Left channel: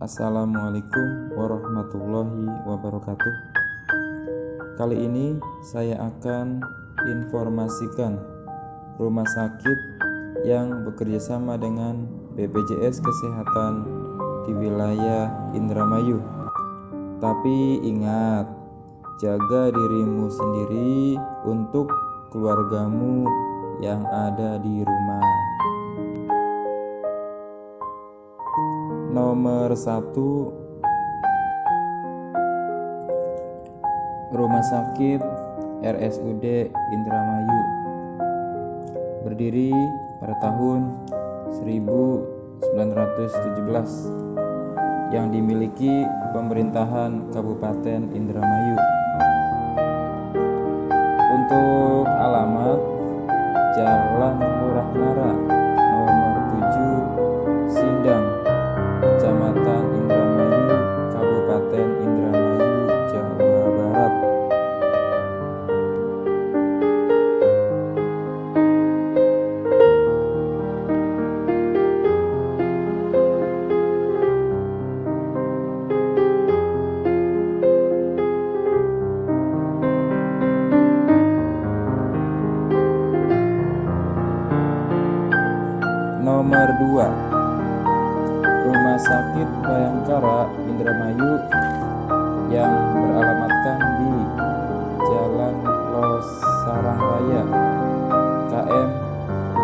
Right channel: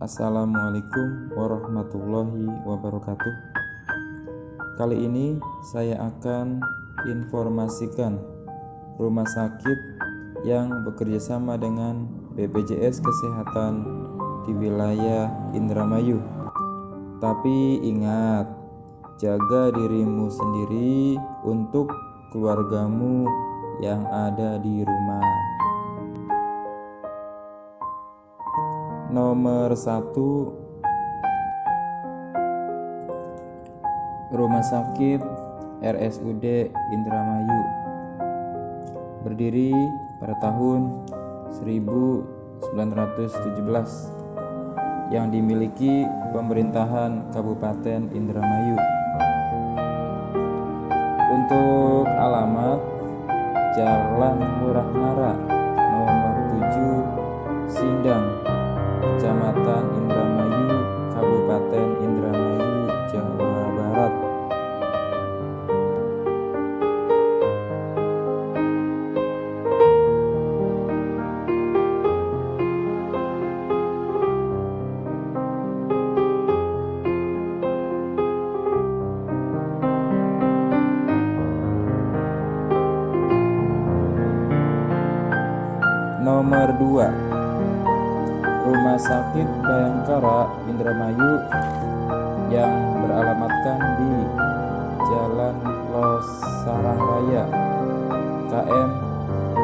Assalamualaikum warahmatullahi wabarakatuh. Kali ini saya akan informasikan rumah sakit yang bekerjasama dengan BPJS Kesehatan di wilayah Indramayu. Tapi ingat, jaga dirimu sendiri untuk keluargamu yang ada di rumah. Nomor 1, Rumah Sakit RSUD Indramayu, berdiri pada tahun 1917, yang dimiliki pemerintahan Kabupaten Indramayu. Untuk alamat, Jalan Murah Nara nomor 7, Sindang, Kecamatan Indramayu, Kabupaten Indramayu, Jawa Barat. Nomor 2, Rumah Sakit Bayangkara Indramayu, yang beralamatkan di Jalan Losarang Raya, KM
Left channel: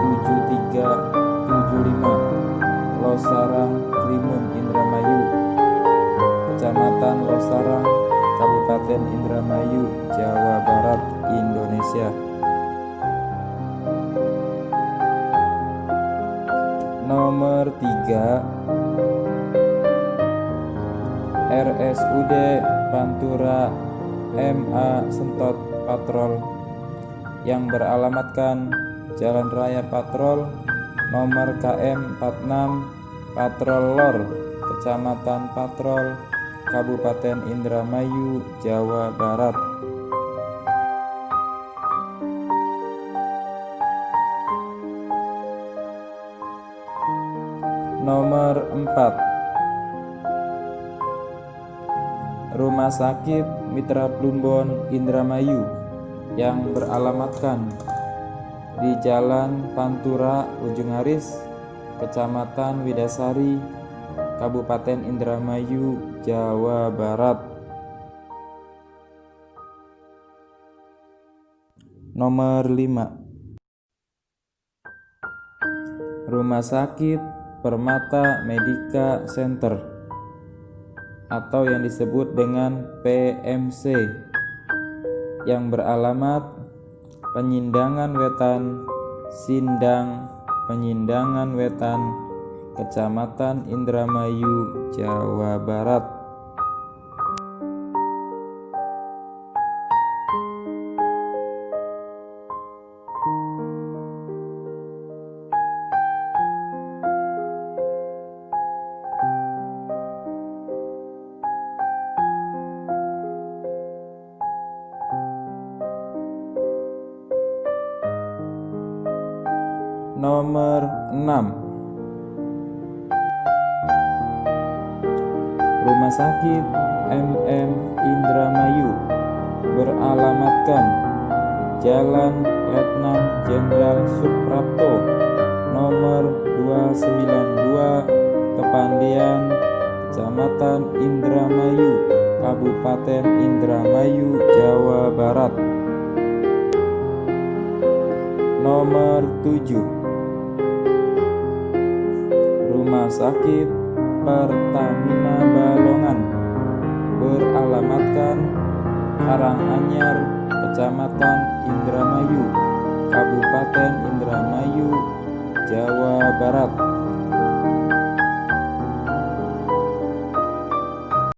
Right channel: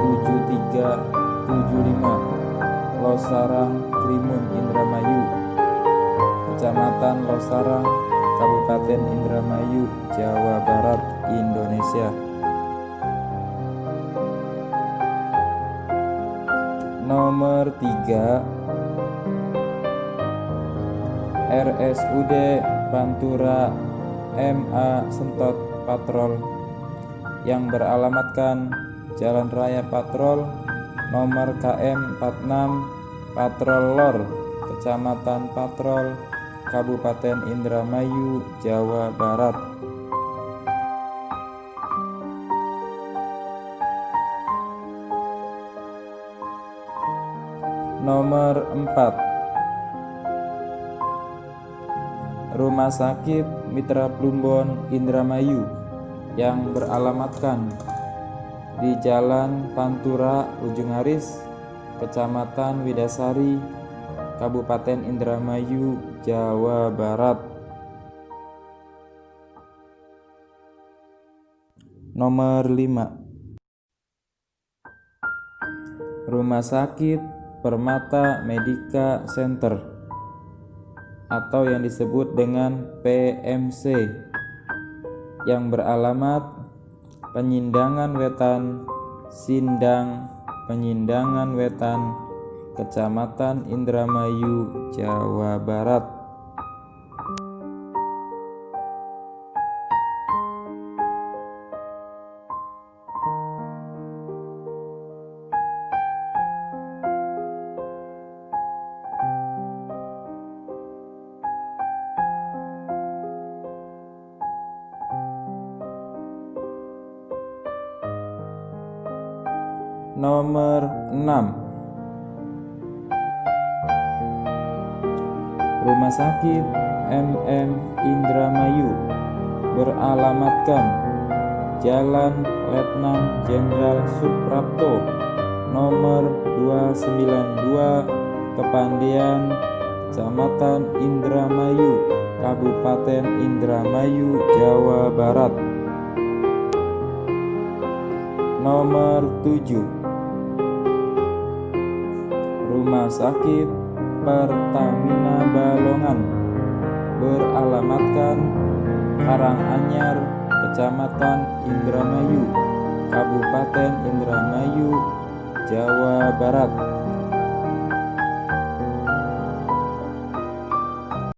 7375, Losarang, Krimun, Indramayu, Kecamatan Losarang, Kabupaten Indramayu, Jawa Barat, Indonesia. Nomor 3, RSUD Pantura MA Sentot Patrol, yang beralamatkan Jalan Raya Patrol nomor KM 46, Patrol Lor, Kecamatan Patrol, Kabupaten Indramayu, Jawa Barat. Nomor 4, Rumah Sakit Mitra Plumbon Indramayu, yang beralamatkan di Jalan Pantura Ujung Haris, Kecamatan Widasari, Kabupaten Indramayu, Jawa Barat. Nomor 5, Rumah Sakit Permata Medika Center, atau yang disebut dengan PMC, yang beralamat Penyindangan Wetan, Sindang, Penyindangan Wetan, Kecamatan Indramayu, Jawa Barat. Nomor 6, Rumah Sakit MM Indramayu, beralamatkan Jalan Letnan Jenderal Suprapto nomor 292, Kepandian, Kecamatan Indramayu, Kabupaten Indramayu, Jawa Barat. Nomor 7, Rumah Sakit Pertamina Balongan, beralamatkan Karanganyar, Kecamatan Indramayu, Kabupaten Indramayu, Jawa Barat.